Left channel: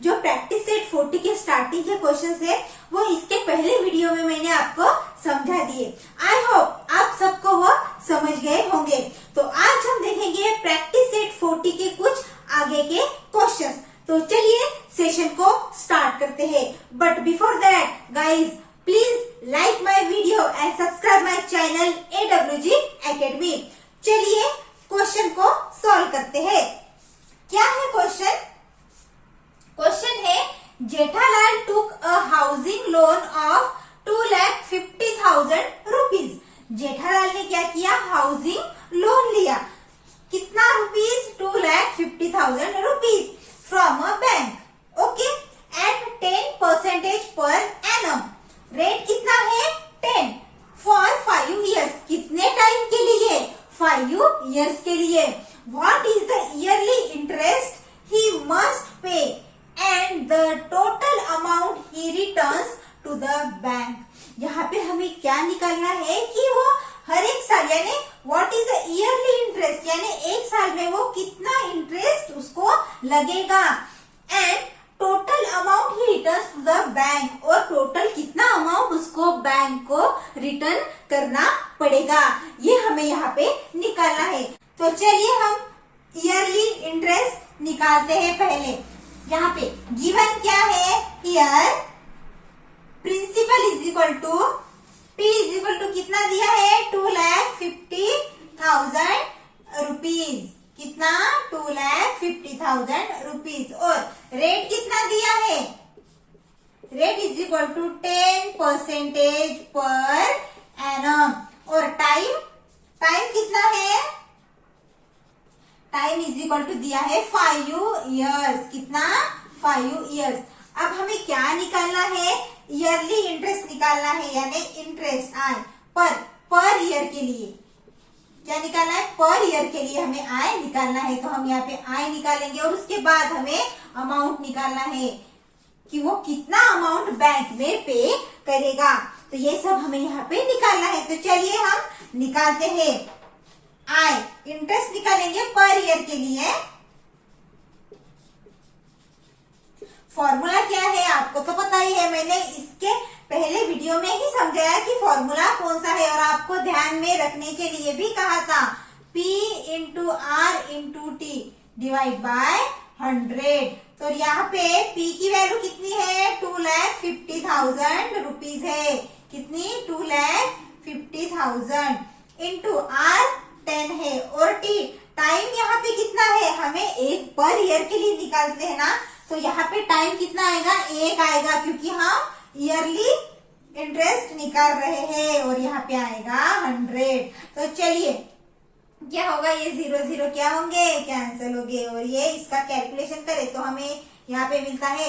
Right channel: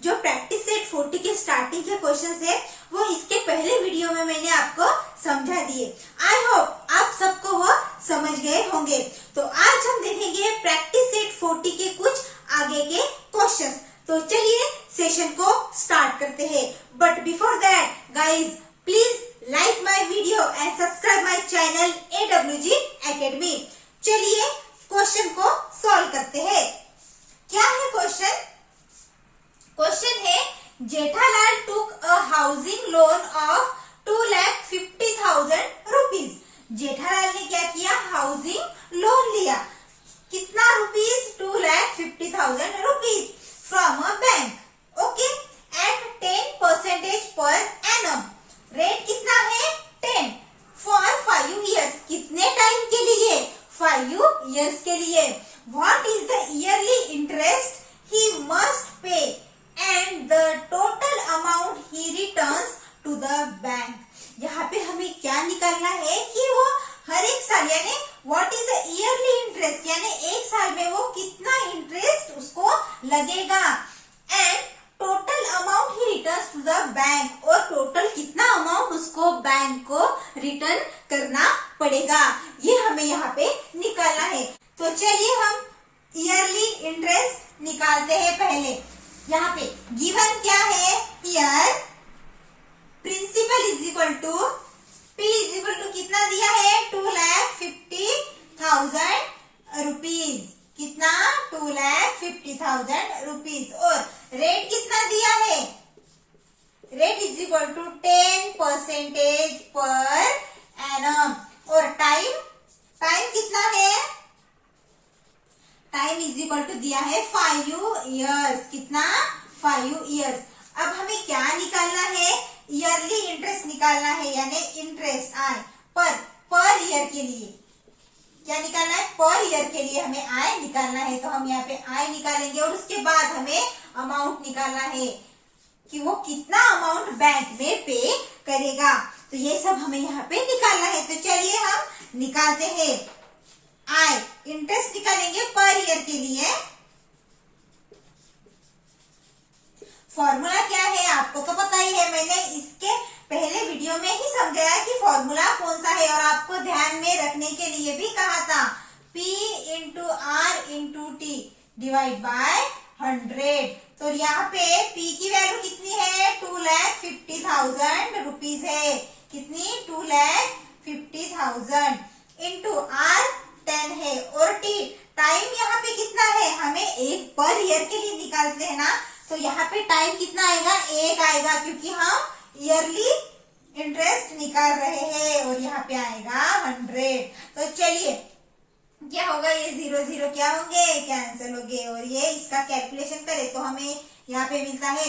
जो practice set 40 के starting के क्वेश्चंस है वो इसके पहले वीडियो में मैंने आपको समझा दिए। आई होप आप सबको वो समझ गए होंगे। तो आज हम देखेंगे प्रैक्टिस सेट 40 के कुछ आगे के क्वेश्चंस। तो चलिए सेशन को स्टार्ट करते हैं। But before that guys please like my video and subscribe my channel AWG academy. चलिए क्वेश्चन को सॉल्व करते हैं। क्या है क्वेश्चन? क्वेश्चन है Jethalal took a housing loan of 2,50,000 rupees. Jethalal ने क्या किया? हाउसिंग लोन लिया। कितना rupees? 2,50,000 rupees from a bank. Okay, at 10% पर एनम। रेट कितना है? 10 फॉर 5 years। कितने टाइम के लिए? 5 years के लिए। What is the yearly interest he must pay and the total amount he returns to the bank? यहाँ पे हमें क्या निकालना है कि वो हर एक साल यानी what is the yearly interest यानी एक साल में वो कितना इंटरेस्ट उसको लगेगा and टोटल अमाउंट ही रिटर्न टू द बैंक और टोटल कितना अमाउंट उसको बैंक को रिटर्न करना पड़ेगा, ये हमें यहाँ पे निकालना है। तो चलिए हम ईयरली इंटरेस्ट निकालते हैं। पहले यहाँ पे गिवन क्या है? Here principal is equal to P is equal to कितना दिया है? 2,50,000 रुपीज। कितना? 2,50,000 रुपीज। और रेट कितना दिया है? रेट इज इक्वल टू 10% पर एनम। और टाइम कितना है? टाइम इज इक्वल टू दिया है 5 years। कितना? 5 years। अब हमें क्या निकालना है? ईयरली इंटरेस्ट निकालना है यानी इंटरेस्ट आय पर ईयर के लिए। क्या निकालना है? पर ईयर के लिए हमें आय निकालना है। तो हम यहाँ पे आय निकालेंगे और उसके बाद हमें अमाउंट निकालना है कि वो कितना अमाउंट बैंक में पे करेगा। तो ये सब हमें यहाँ पे निकालना है। तो चलिए हम निकालते हैं। आय इंटरेस्ट निकालेंगे पर ईयर के लिए। फॉर्मूला क्या है आपको तो पता ही है, मैंने इसके पहले वीडियो में ही समझाया कि फॉर्मूला कौन सा है और आपको ध्यान में रखने के लिए भी कहा था। P into R into T divide by 100। तो यहाँ पे P की वैल्यू कितनी है? 2,50,000 रुपीज है। कितनी? 2,50,000 इंटू R 10 है और T टाइम यहाँ पे कितना है? हमें एक पर ईयर के लिए निकालते हैं ना, तो यहाँ पे टाइम कितना आएगा? 1 आएगा क्योंकि हम ईयरली इंटरेस्ट निकाल रहे हैं। और यहाँ पे आएगा 100। तो चलिए क्या होगा? ये 0 0 क्या होंगे? कैंसिल हो गए। और ये इसका कैलकुलेशन करें तो हमें यहाँ पे मिलता है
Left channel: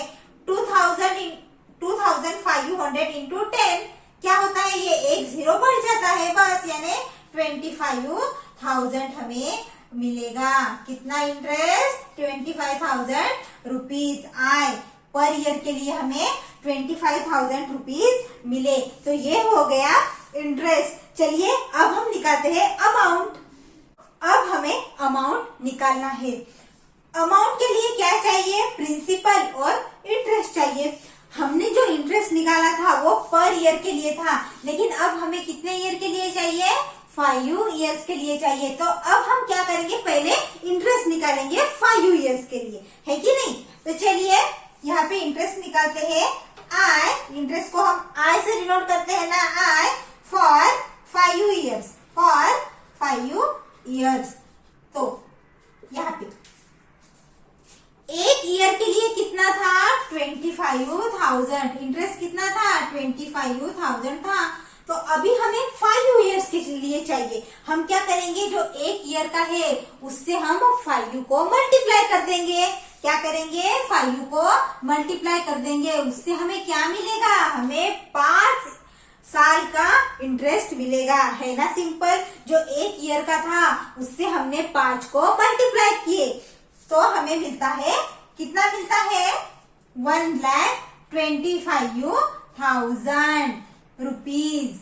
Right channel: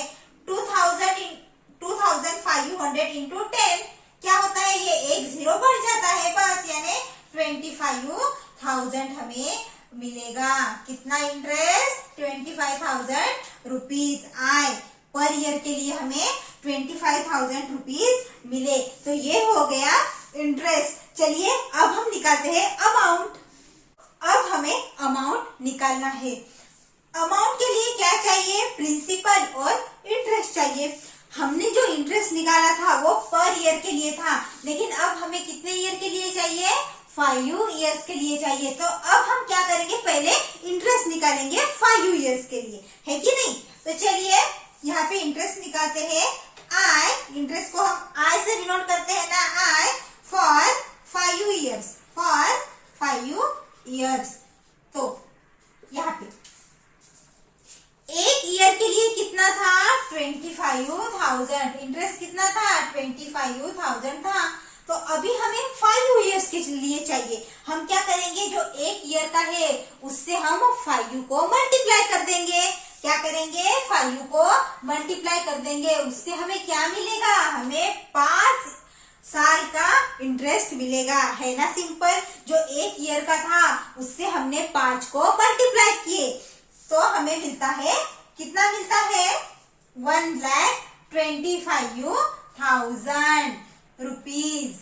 2,500 इंटू 10 क्या होता है? ये एक 0 बढ़ जाता है बस, यानी 25,000 हमें मिलेगा। कितना इंटरेस्ट? 25,000 रुपीज आए पर ईयर के लिए हमें 25,000 रुपीज मिले। तो ये हो गया इंटरेस्ट। चलिए अब हम निकालते हैं अमाउंट। अब हमें अमाउंट निकालना है। अमाउंट के लिए क्या चाहिए? प्रिंसिपल और इंटरेस्ट चाहिए। हमने जो इंटरेस्ट निकाला था वो पर ईयर के लिए था, लेकिन अब हमें कितने ईयर के लिए चाहिए? 5 years के लिए चाहिए। तो अब हम क्या करेंगे? पहले इंटरेस्ट निकालेंगे 5 years के लिए, है कि नहीं? तो चलिए यहाँ पे इंटरेस्ट निकालते हैं। आई इंटरेस्ट को हम आई से डिनोट करते हैं ना, I for 5 years। For 5 years। तो यहाँ पे एक ईयर के लिए कितना था? 25,000। इंटरेस्ट कितना था? 25,000 था। तो अभी हमें 5 years के लिए चाहिए। हम क्या करेंगे? जो एक ईयर का है उससे हम 5 को मल्टीप्लाई कर देंगे। क्या करेंगे? 5 को मल्टीप्लाई कर देंगे। उससे हमें क्या मिलेगा? हमें 5 साल का इंटरेस्ट मिलेगा, है ना? सिंपल। जो एक ईयर का था उससे हमने 5 को मल्टीप्लाई किए तो हमें मिलता है, कितना मिलता है? 1,25,000 रुपीज।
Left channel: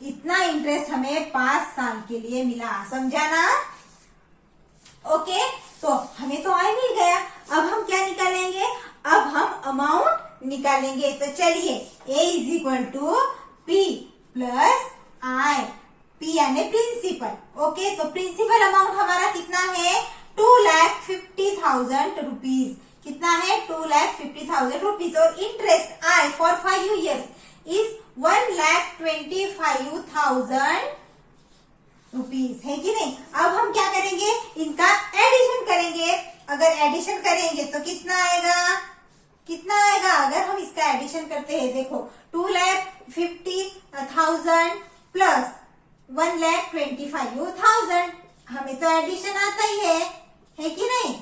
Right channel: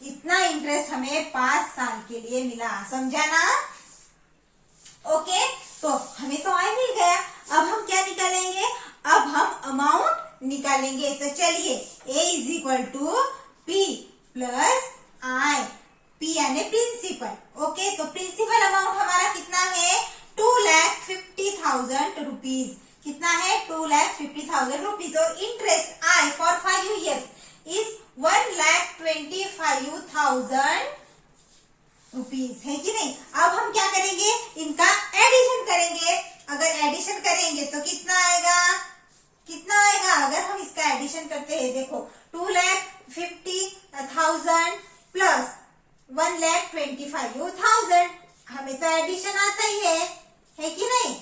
इतना इंटरेस्ट हमें 5 साल के लिए मिला। समझा ना? ओके, तो हमें तो आय मिल गया। अब हम क्या निकालेंगे? अब हम निकालेंगे। तो चलिए A is equal to P plus I, P यानी प्रिंसिपल। ओके, तो प्रिंसिपल अमाउंट हमारा कितना है 2,50,000 रुपीज। कितना है 2,50,000 रुपीज। और interest I for 5 years is 1,25,000 rupees, है कि नहीं। अब हम क्या करेंगे, इनका एडिशन करेंगे। अगर एडिशन करेंगे तो कितना आएगा, कितना आएगा अगर हम इसका एडिशन करते हैं। देखो 2,50,000 प्लस 1,25,000, हमें तो एडिशन आता ही है कि नहीं।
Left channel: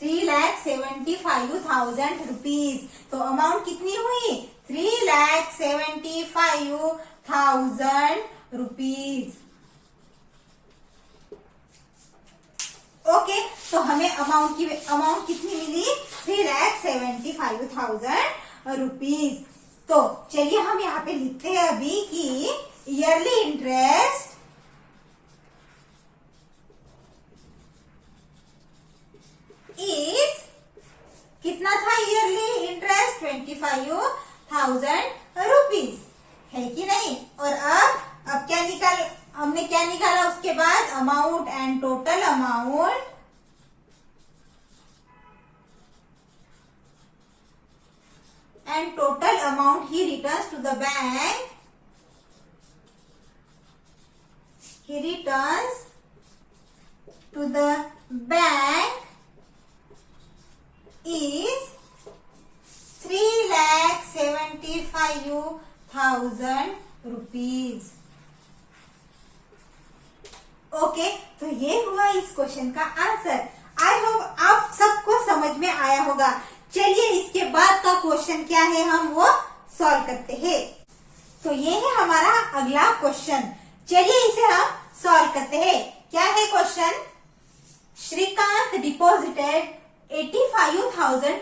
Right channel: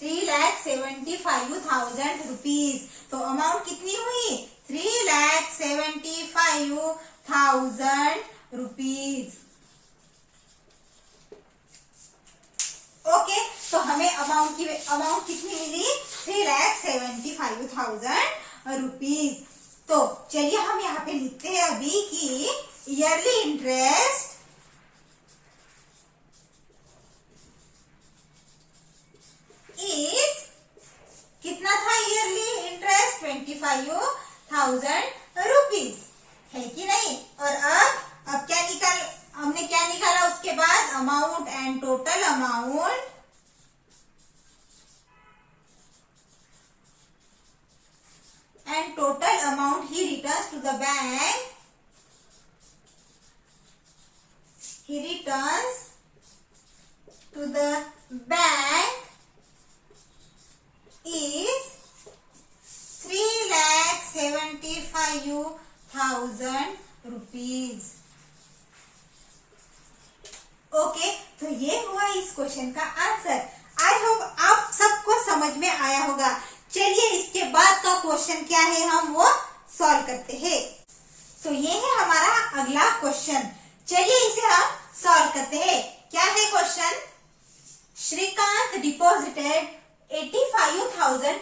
3,75,000 रुपीज। तो अमाउंट कितनी हुई 3,75,000 रुपीज। ओके, तो हमें अमाउंट कितनी मिली 3,75,000 रुपीज। तो चलिए हम यहाँ पे लिखते हैं अभी कि ईयरली इंटरेस्ट इज, कितना था ईयरली इंटरेस्ट 25,000 रुपीज, है कि नहीं। और अब क्या हमने क्या निकाला उसके बाद, amount and total amount he returns to the bank, he returns to the bank is 3,75,000 rupees. Okay, तो ये हुआ इस क्वेश्चन का आंसर। आई होप आप सबको समझ में आया होगा। चलिए इसके बाद का क्वेश्चन क्या है हम वो सॉल्व करते हैं। तो ये है हमारा अगला क्वेश्चन, चलिए इसे हम सॉल्व करते हैं। क्या है question, Shrikant deposited 85,000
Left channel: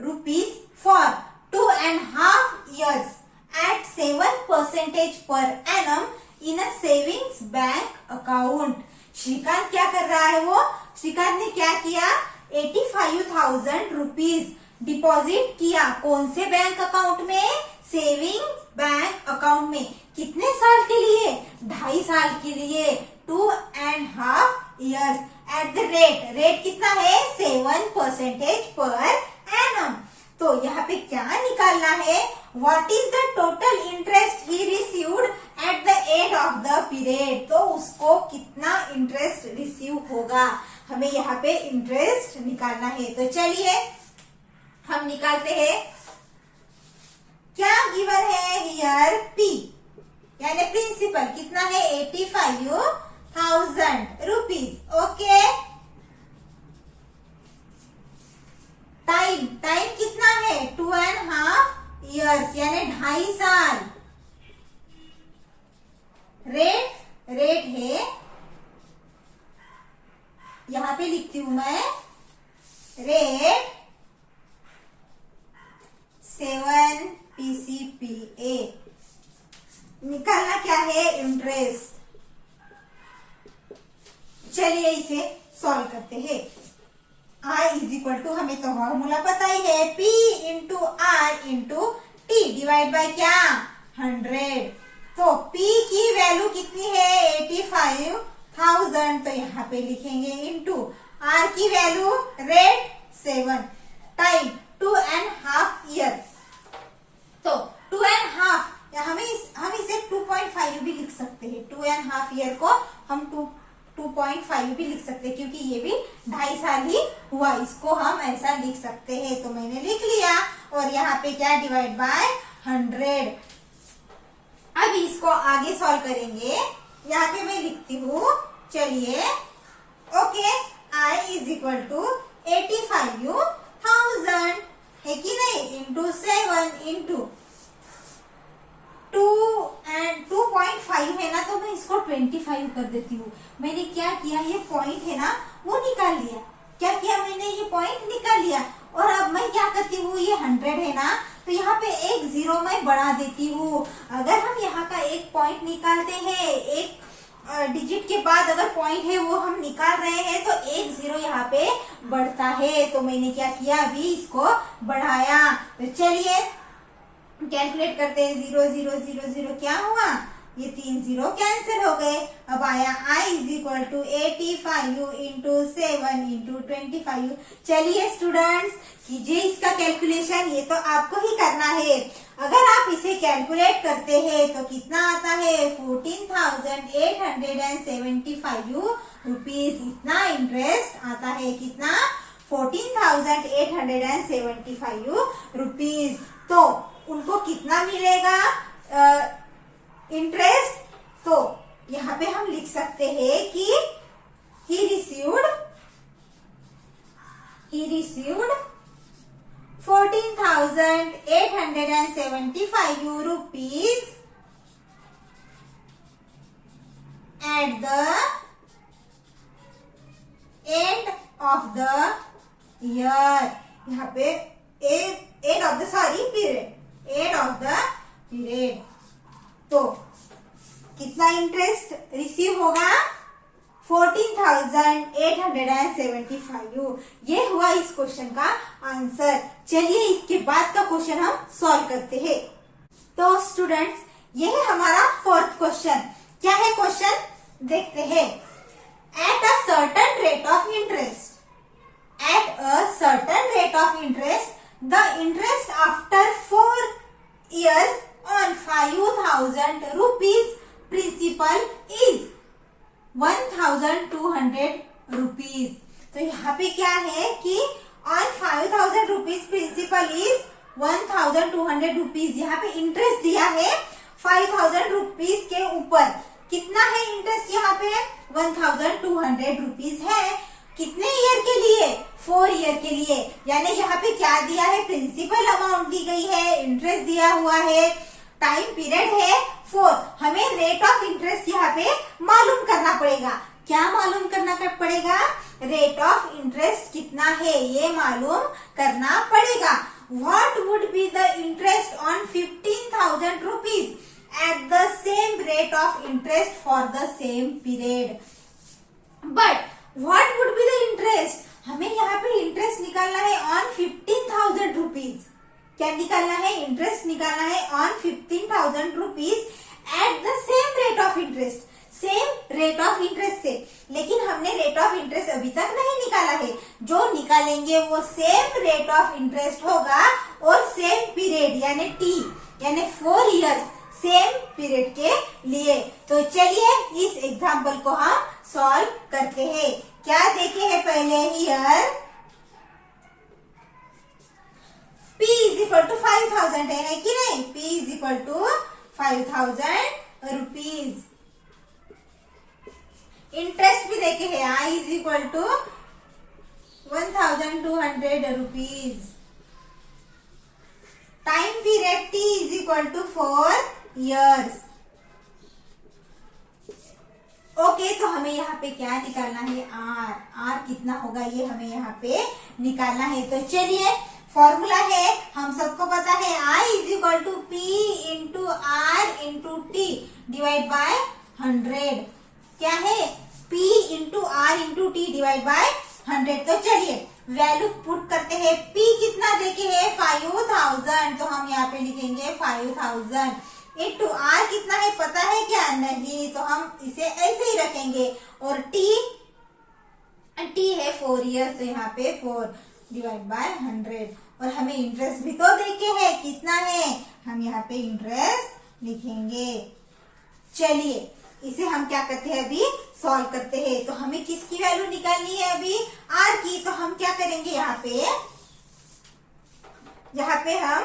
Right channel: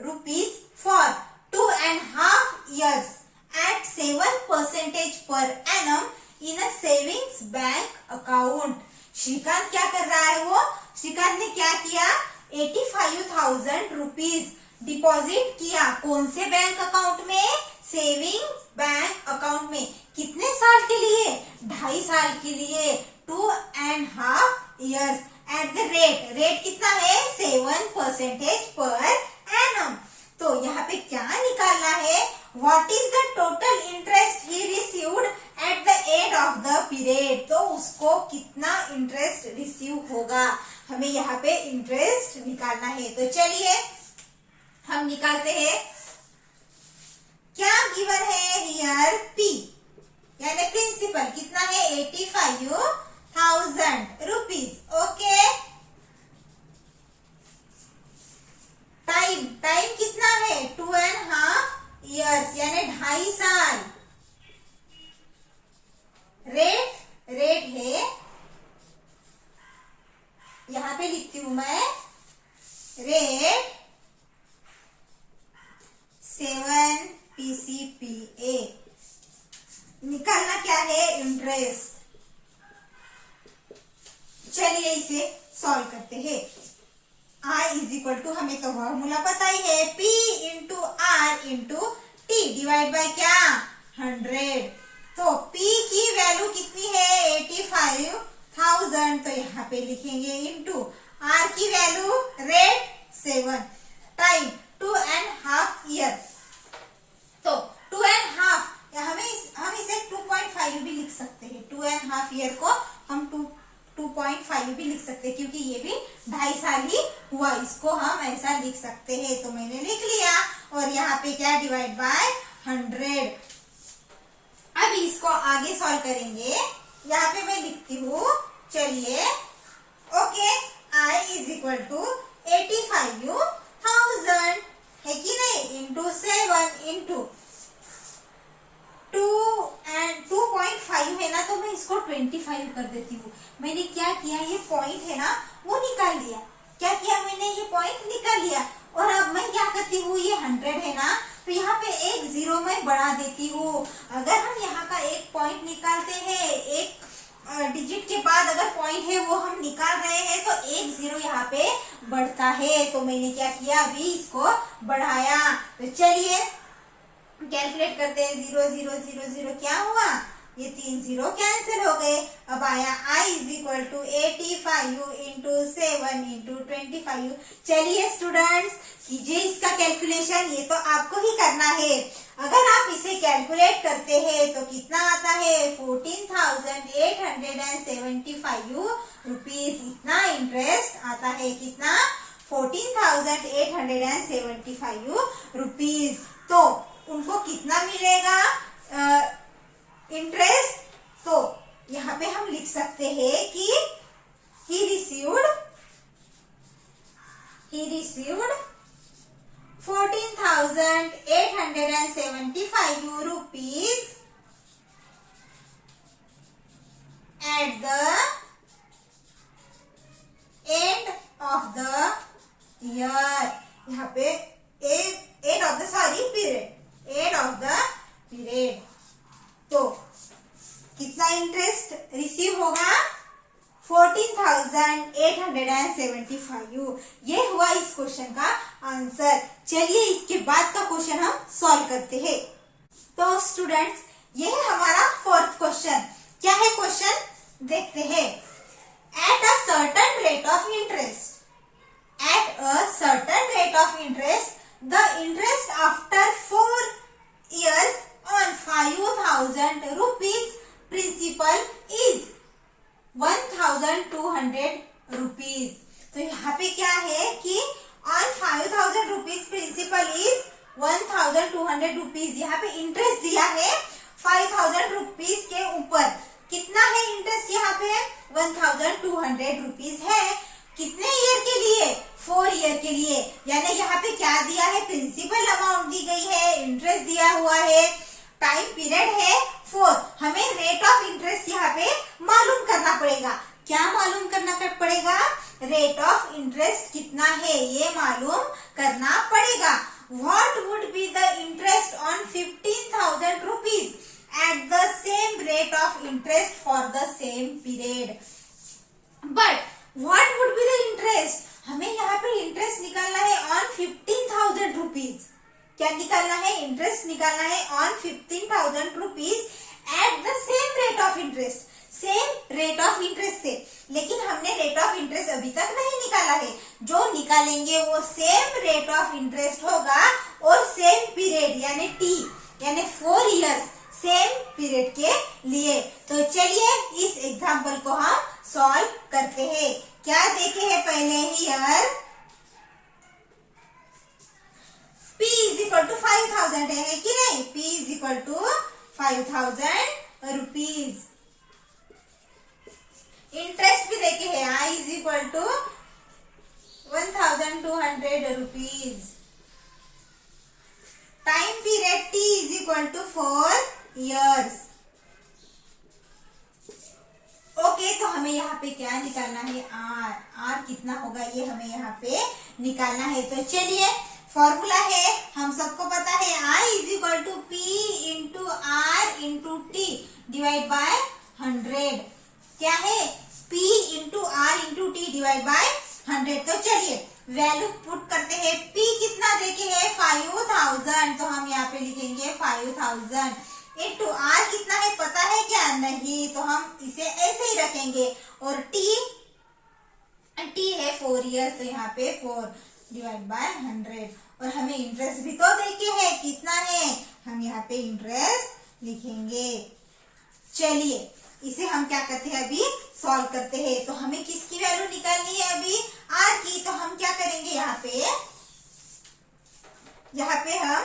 rupees for 2.5 years at 7% per annum in a savings bank account। Shrikant क्या कर रहा है, वो श्रीकांत ने क्या किया 85,000 रुपीज डिपॉजिट किया। कौन से बैंक अकाउंट में, सेविंग बैंक अकाउंट में। कितने साल के लिए, 2.5 साल के लिए, 2.5 years एट द रेट कितना है 7% पर एनम। तो यहाँ पे क्या निकालना है, what is the total interest he received at the end of the period. तो उसको कितना इंटरेस्ट रिसीव होगा, हमें यहाँ पे इंटरेस्ट निकालना है। तो चलिए हम निकालते हैं। क्या गिवन है हियर, P यानी प्रिंसिपल कितना है 85,000 रुपीज। ओके, टाइम कितना है 2.5 years यानी 2.5 साल। रेट है, यहां पे लिखती हूं मैं रेट 7 PCPA। निकालना क्या है इंटरेस्ट। चलिए इसे सॉल्व करते हैं। I इज इक्वल टू, हमें तो फॉर्मूला पता ही है, P into R into T divide by क्या 100। तो P की वैल्यू कितनी है 85,000, तो यहाँ पे लिखेंगे इंटू R की वैल्यू रेट 7 टाइम 2.5 year। तो 2.5 हम इसे 2.5 भी लिख सकते हैं। 2.5 year को हम 2.5 भी लिख सकते हैं क्योंकि ये भी 2.5 साल ही हुआ, इसको हम ऐसा लिख सकते हैं। तो मैंने लिख लिया और यहाँ पे क्या डिवाइड बाय 100। अब इसको आगे सॉल्व करेंगे। यहाँ पे मैं लिखती हूँ, चलिए okay, I is equal to 85,000 है कि नहीं, इंटू 7 इंटू 2.5 है ना, तो मैं इसको 25 कर देती हूँ। मैंने क्या किया, ये पॉइंट है ना वो निकाल लिया। क्या किया मैंने, ये पॉइंट निकाल लिया। और अब मैं क्या करती हूँ, ये 100 है ना, तो यहाँ पे एक 0 मैं बढ़ा देती हूँ। अगर हम यहाँ का एक पॉइंट निकालते हैं, एक डिजिट के बाद अगर पॉइंट है वो हम निकाल रहे हैं, तो एक 0 यहाँ पे बढ़ता है। तो मैंने क्या किया, अभी इसको बढ़ाया। तो तो चलिए कैलकुलेट करते हैं। 0 0 0 0 क्या हुआ, ये 3 0 कैंसिल हो गए। अब आया I is equal to 85 into 7 into 25। चलिए स्टूडेंट्स कीजिए इसका कैलकुलेशन, ये तो आपको ही करना है। अगर आप इसे कैलकुलेट करते हैं तो कितना आता है, 14,875 रुपीज। इतना इंटरेस्ट आता है, कितना, 14,875 रुपीज। तो उनको कितना मिलेगा इंटरेस्ट, तो यहाँ पे हम लिख सकते हैं कि he received 14,875 rupees at the end of the year। यहाँ पे end of the period। तो कितना इंटरेस्ट रिसीव होगा, 14,875। ये हुआ इस क्वेश्चन का आंसर। चलिए इसके बाद का क्वेश्चन हम सॉल्व करते हैं। तो स्टूडेंट्स ये है हमारा फोर्थ क्वेश्चन। क्या है क्वेश्चन, देखते हैं। At a certain rate of interest, the interest after 4 years on 5,000 rupees principal is 1,200 rupees। तो यहाँ पे क्या है कि on 5,000 rupees principal is 1,200 rupees। यहाँ पे इंटरेस्ट दिया है 5,000 rupees के ऊपर। कितना है इंटरेस्ट यहाँ पे, 1,200 rupees है। कितने ईयर के लिए, 4 ईयर के लिए। यानी यहाँ पे क्या दिया है, प्रिंसिपल अमाउंट दी गई है, इंटरेस्ट दिया हुआ है, टाइम पीरियड है 4। हमें रेट ऑफ इंटरेस्ट यहाँ पे मालूम करना पड़ेगा। क्या मालूम करना पड़ेगा, रेट ऑफ इंटरेस्ट कितना है ये मालूम करना पड़ेगा। What would be the interest on 15,000 rupees at the same rate of interest for the same period। But what would be the interest, हमें यहाँ पे इंटरेस्ट निकालना है ऑन 15,000 रुपीज। क्या निकालना है, इंटरेस्ट निकालना है on 15,000 rupees at the same rate of interest, same rate of interest से। लेकिन हमने रेट ऑफ इंटरेस्ट अभी तक नहीं निकाला है। जो निकालेंगे वो सेम रेट ऑफ इंटरेस्ट होगा और सेम पीरियड यानी टी यानी 4 इयर्स सेम पीरियड के लिए। तो चलिए इस एग्जाम्पल को हम सॉल्व करते हैं। क्या देखे हैं पहले, here P is equal to 5,000 है कि नहीं, P is equal to 5,000 rupees. Interest भी देखे हैं, I is equal to 1,200 rupees. Time period T is equal to 4 years। Okay तो हमें यहाँ पे क्या निकालना है, R कितना होगा ये हमें यहाँ पे निकालना है। तो चलिए फॉर्मूला है, हम सबको पता है, I is equal to P into R into T divide by 100। क्या है, P into R into T divide by 100। तो चलिए वैल्यू पुट करते हैं। P कितना देके है, 5,000, तो हम यहाँ पे लिखेंगे 5,000 इंटू R कितना है पता है क्या, नहीं, तो हम इसे ऐसे ही रखेंगे। और T है 4 इयर्स, तो यहाँ पे 4 डिवाइड बाय 100। और हमें इंटरेस्ट भी तो देखे है, कितना है, हम यहाँ पे इंटरेस्ट लिखेंगे। चलिए इसे हम क्या करते हैं, अभी सॉल्व करते हैं। तो हमें किसकी वैल्यू निकालनी है अभी, R की। तो हम क्या करेंगे, यहाँ पे हम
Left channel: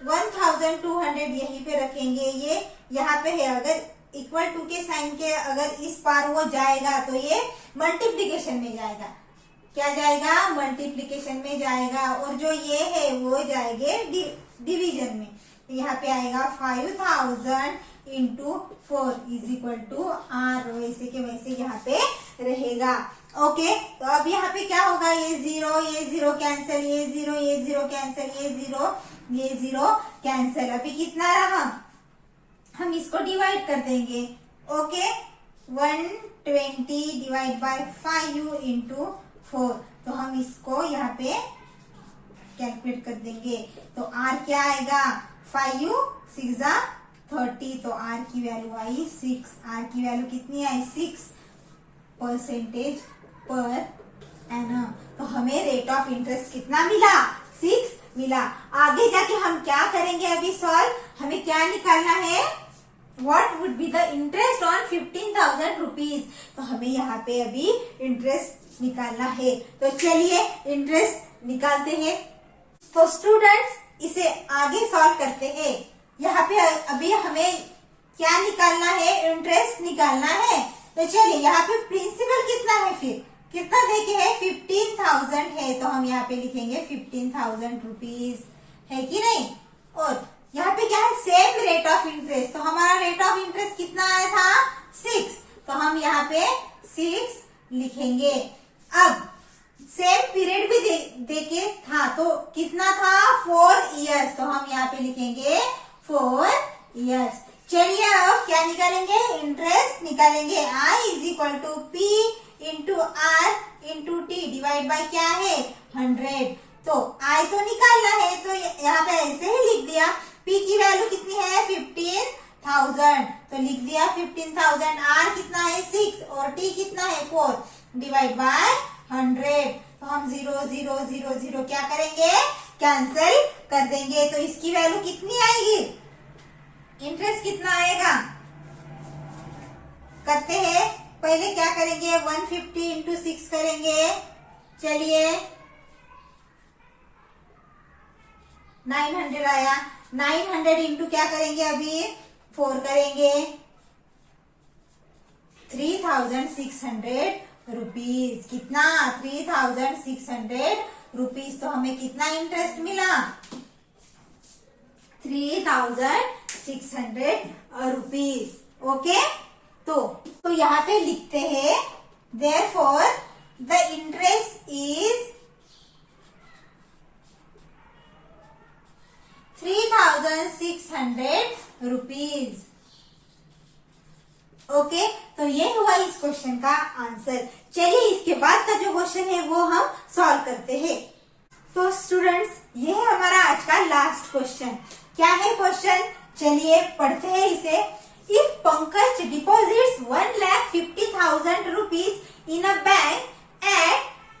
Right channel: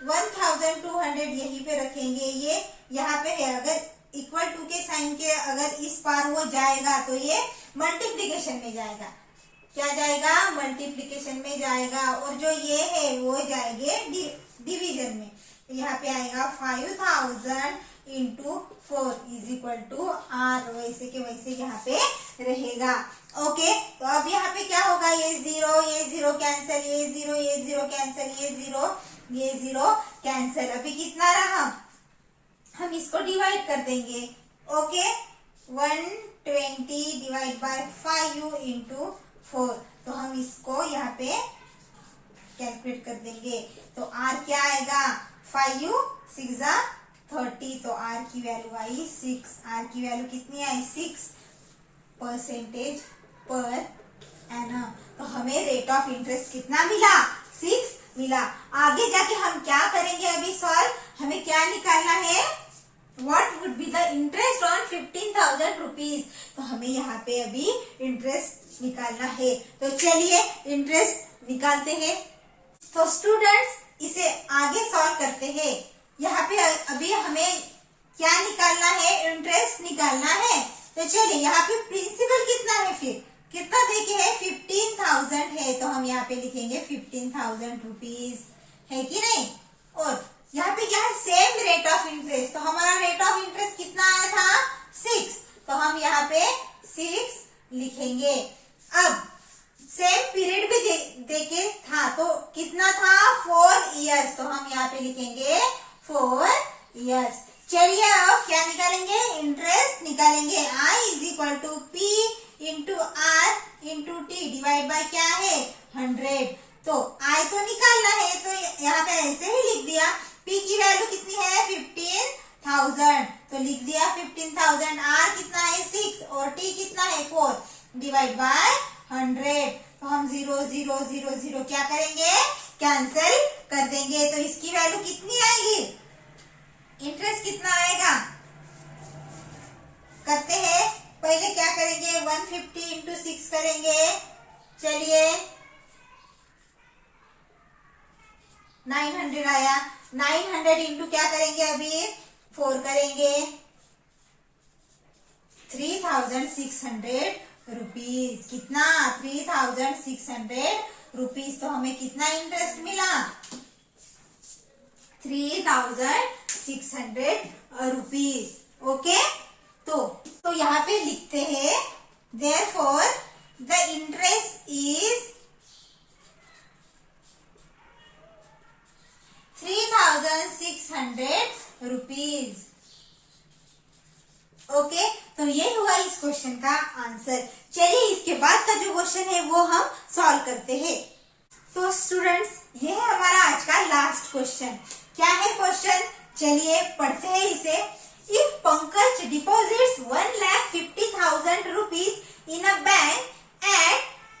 1,200 यहीं पे रखेंगे। ये यहाँ पे है, अगर इक्वल टू के साइन के अगर इस पार वो जाएगा तो ये मल्टीप्लीकेशन में जाएगा। क्या जाएगा, मल्टीप्लीकेशन में जाएगा। और जो ये है वो जाएंगे डिवीजन में। यहाँ पे आएगा 5,000 into 4 is equal to R, वैसे के वैसे यहाँ पे रहेगा। ओके तो अब यहाँ पे क्या होगा, ये 0 कैंसिल, ये 0 कैंसिल, ये 0 कैंसिल। अभी कितना रहा, हम इसको डिवाइड कर देंगे। Okay 120 divide by 5 into 4। तो हम इसको यहाँ पे कैलकुलेट कर देंगे। तो r क्या आएगा 5 6 30, तो r की वैल्यू आई 6। r की वैल्यू कितनी आई 6% पर एनम। तो हमें रेट ऑफ इंटरेस्ट कितना मिला 6 मिला। आगे जाके हम क्या करेंगे अभी सॉल्व, हमें क्या निकालना है What would be the interest on 15,000 rupees। तो हमें यहाँ पे अभी इंटरेस्ट निकालना है। तो चलिए इंटरेस्ट निकालते हैं। तो स्टूडेंट्स इसे आगे सॉल्व करते हैं। यहाँ पे अभी हमें क्या निकालना है इंटरेस्ट निकालना है। तो चलिए यहाँ पे प्रिंसिपल कितना है, फिर कितना देके है 15,000 है, तो हम यहाँ पे लिखेंगे 15,000 रुपीज है कि नहीं। और यहाँ पे क्या है सेम रेट ऑफ इंटरेस्ट, तो हमारा रेट ऑफ इंटरेस्ट कितना आया था 6, तो हम यहाँ पे 6 लिखेंगे। अब सेम पीरियड भी देके था, तो कितना था 4 इयर्स, तो हम यहाँ पे लिखेंगे 4 इयर्स। चलिए अब क्या निकालेंगे इंटरेस्ट निकालेंगे। I is equal to P into R into T divide by क्या है 100। तो I तो निकालना है, तो यहाँ पे ऐसे ही लिख दिया। P की वैल्यू कितनी है 15,000, तो लिख दिया 15,000। R कितना है 6 और T कितना है 4 डिवाइड बाय 100। तो हम 0 0 0 0 क्या करेंगे कैंसिल कर देंगे। तो इसकी वैल्यू कितनी आएगी, इंटरेस्ट कितना आएगा करते हैं। पहले क्या करेंगे 150 इंटू 6 करेंगे। चलिए 900 आया, 900 इंटू क्या करेंगे अभी 4 करेंगे 3,600 रुपीज। कितना 3,600 रुपीज। तो हमें कितना इंटरेस्ट मिला 3,600 रुपीज। ओके, तो यहाँ पे लिखते हैं therefore the interest is 3,600 rupees. Okay, तो ये हुआ इस क्वेश्चन का आंसर। चलिए इसके बाद का जो क्वेश्चन है वो हम सॉल्व करते हैं। तो स्टूडेंट्स ये है हमारा आज का लास्ट क्वेश्चन। क्या है क्वेश्चन, चलिए पढ़ते हैं इसे। If Pankaj deposits 1,50,000 rupees in a bank at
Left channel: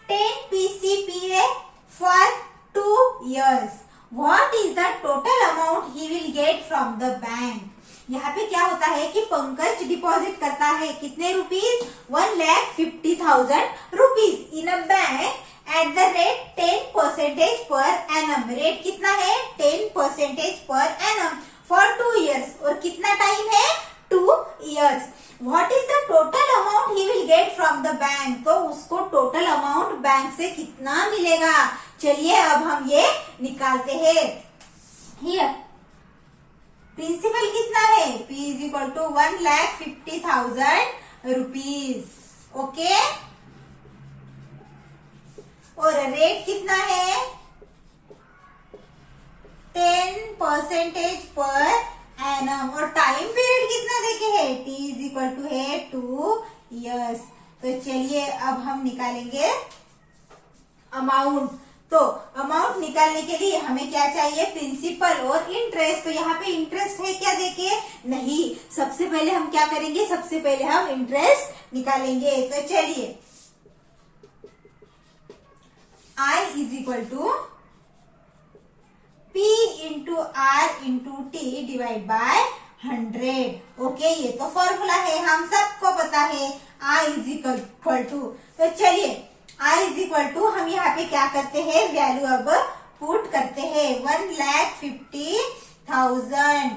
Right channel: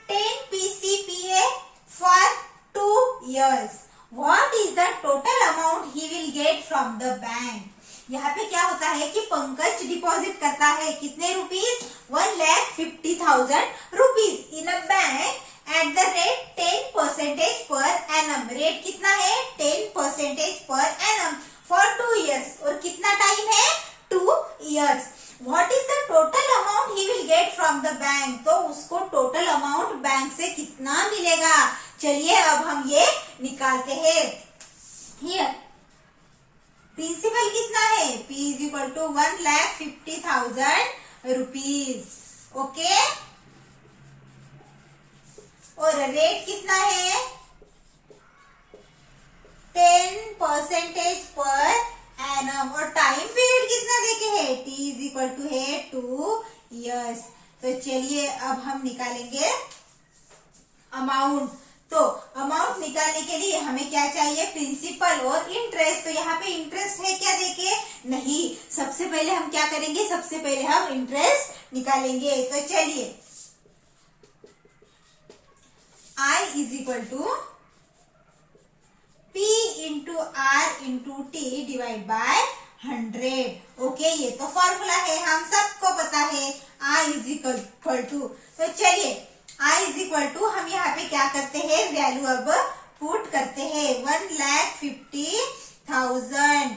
10 PCPA for 2 years, what is the total amount he will get from the bank? यहाँ पे क्या होता है कि पंकज डिपॉजिट करता है कितने rupees 1,50,000 rupees in a bank at the rate 10% पर एनम। रेट कितना है 10% पर एनम फॉर 2 इयर्स, और कितना टाइम है 2 years. What is the total amount he will get from the bank, तो उसको टोटल अमाउंट बैंक से कितना मिलेगा। चलिए अब हम ये निकालते हैं। हियर प्रिंसिपल कितना है P is equal to 1,50,000 rupees. Okay, और रेट कितना है 10% पर एनम, और टाइम पीरियड कितना देखे है T इज इक्वल टू है 2 इयर्स। तो चलिए अब हम निकालेंगे अमाउंट। तो अमाउंट निकालने के लिए हमें क्या चाहिए प्रिंसिपल और इंटरेस्ट। तो यहाँ पे इंटरेस्ट है क्या देखे नहीं, सबसे पहले हम क्या करेंगे सबसे पहले हम इंटरेस्ट निकालेंगे। तो चलिए I is equal to P into R into T divide by 100। Okay, ये तो फॉर्मूला है हम सबको पता है I इज इक्वल टू। तो चलिए I इज इक्वल टू हम यहाँ पे क्या करते हैं वैल्यू अब पुट करते हैं 1,50,000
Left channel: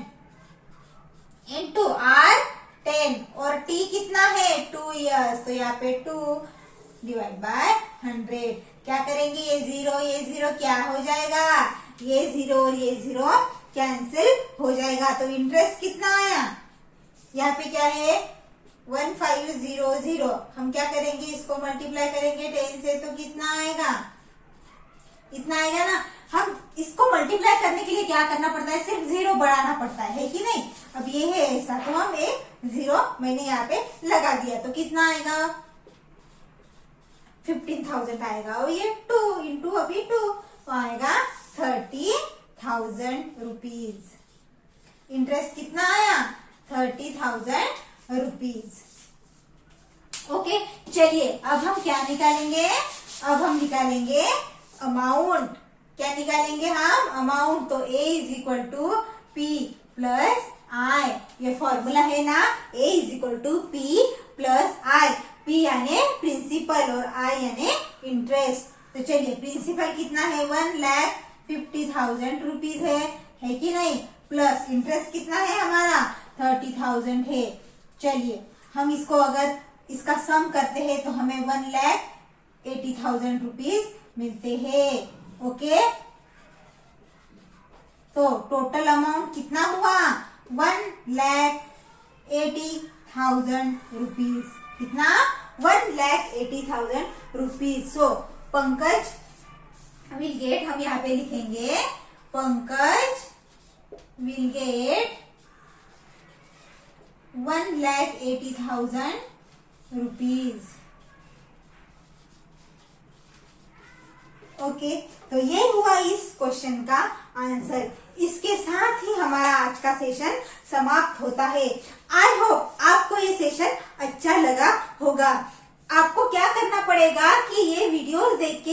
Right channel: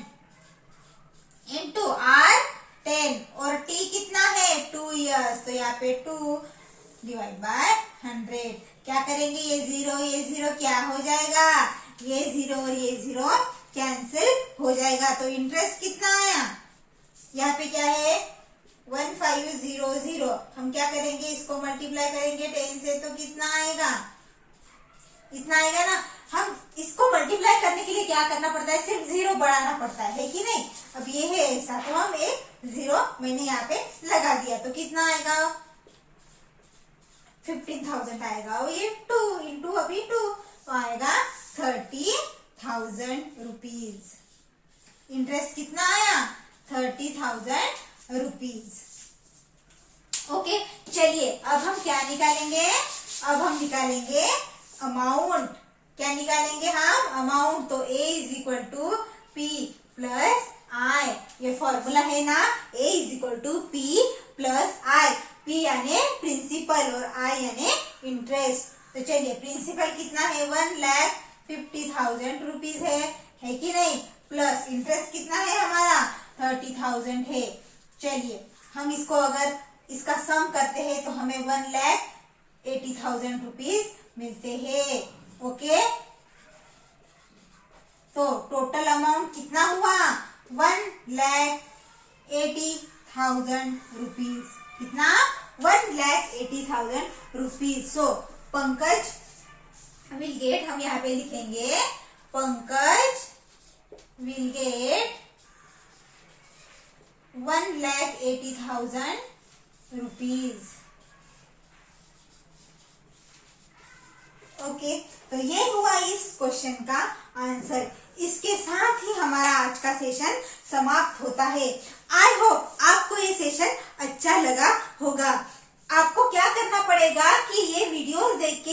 इंटू R 10 और T कितना है 2 इयर्स, तो यहाँ पे 2 डिवाइड बाय 100। क्या करेंगे ये 0 क्या हो जाएगा, ये 0 और ये 0 कैंसिल हो जाएगा। तो इंटरेस्ट कितना आया यहाँ पे क्या है 1,500। हम क्या करेंगे इसको मल्टीप्लाई करेंगे 10 से, तो कितना आएगा इतना आएगा ना। हम इसको मल्टीप्लाई करने के लिए क्या करना पड़ता है सिर्फ 0 बढ़ाना पड़ता है कि नहीं। अब ये है ऐसा, तो हम एक 0 मैंने यहाँ पे लगा दिया, तो कितना आएगा 15,000 आएगा, और ये 2 इंटू अभी 2 तो आएगा 30,000 रुपीज। इंटरेस्ट कितना आया? 30,000 रुपीज। ओके, चलिए अब हम क्या निकालेंगे? अब हम निकालेंगे अमाउंट। क्या निकालेंगे हम? अमाउंट। तो A is equal to P plus I, ये फॉर्मूला है ना, A is equal to P plus I। P यानी प्रिंसिपल और I यानी इंटरेस्ट। तो चलिए, प्रिंसिपल कितना है? 1,50,000 रुपीज है कि नहीं? प्लस इंटरेस्ट कितना है हमारा? 30,000 है। चलिए, हम इसको अगर इसका सम करते हैं तो हमें 1,80,000 रुपीज मिलते हैं। ओके, तो टोटल अमाउंट कितना हुआ? 1,80,000 रुपीज। कितना? 1,80,000 rupees. So Pankaj will get, हम यहाँ पे लिखेंगे Pankaj will get 1,80,000 rupees. Okay, तो ये हुआ इस क्वेश्चन का आंसर। इसके साथ ही हमारा आज का सेशन समाप्त होता है। आई होप आपको ये सेशन अच्छा लगा होगा। आपको क्या करना पड़ेगा कि ये वीडियोस देख के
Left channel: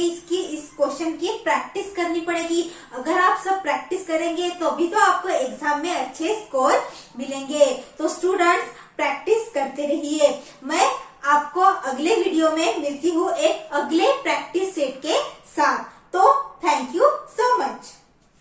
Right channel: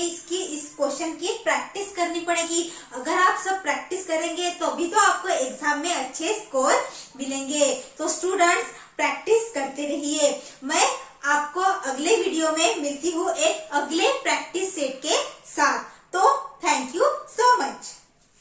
इस क्वेश्चन की प्रैक्टिस करनी पड़ेगी। अगर आप सब प्रैक्टिस करेंगे तो भी तो आपको एग्जाम में अच्छे स्कोर मिलेंगे।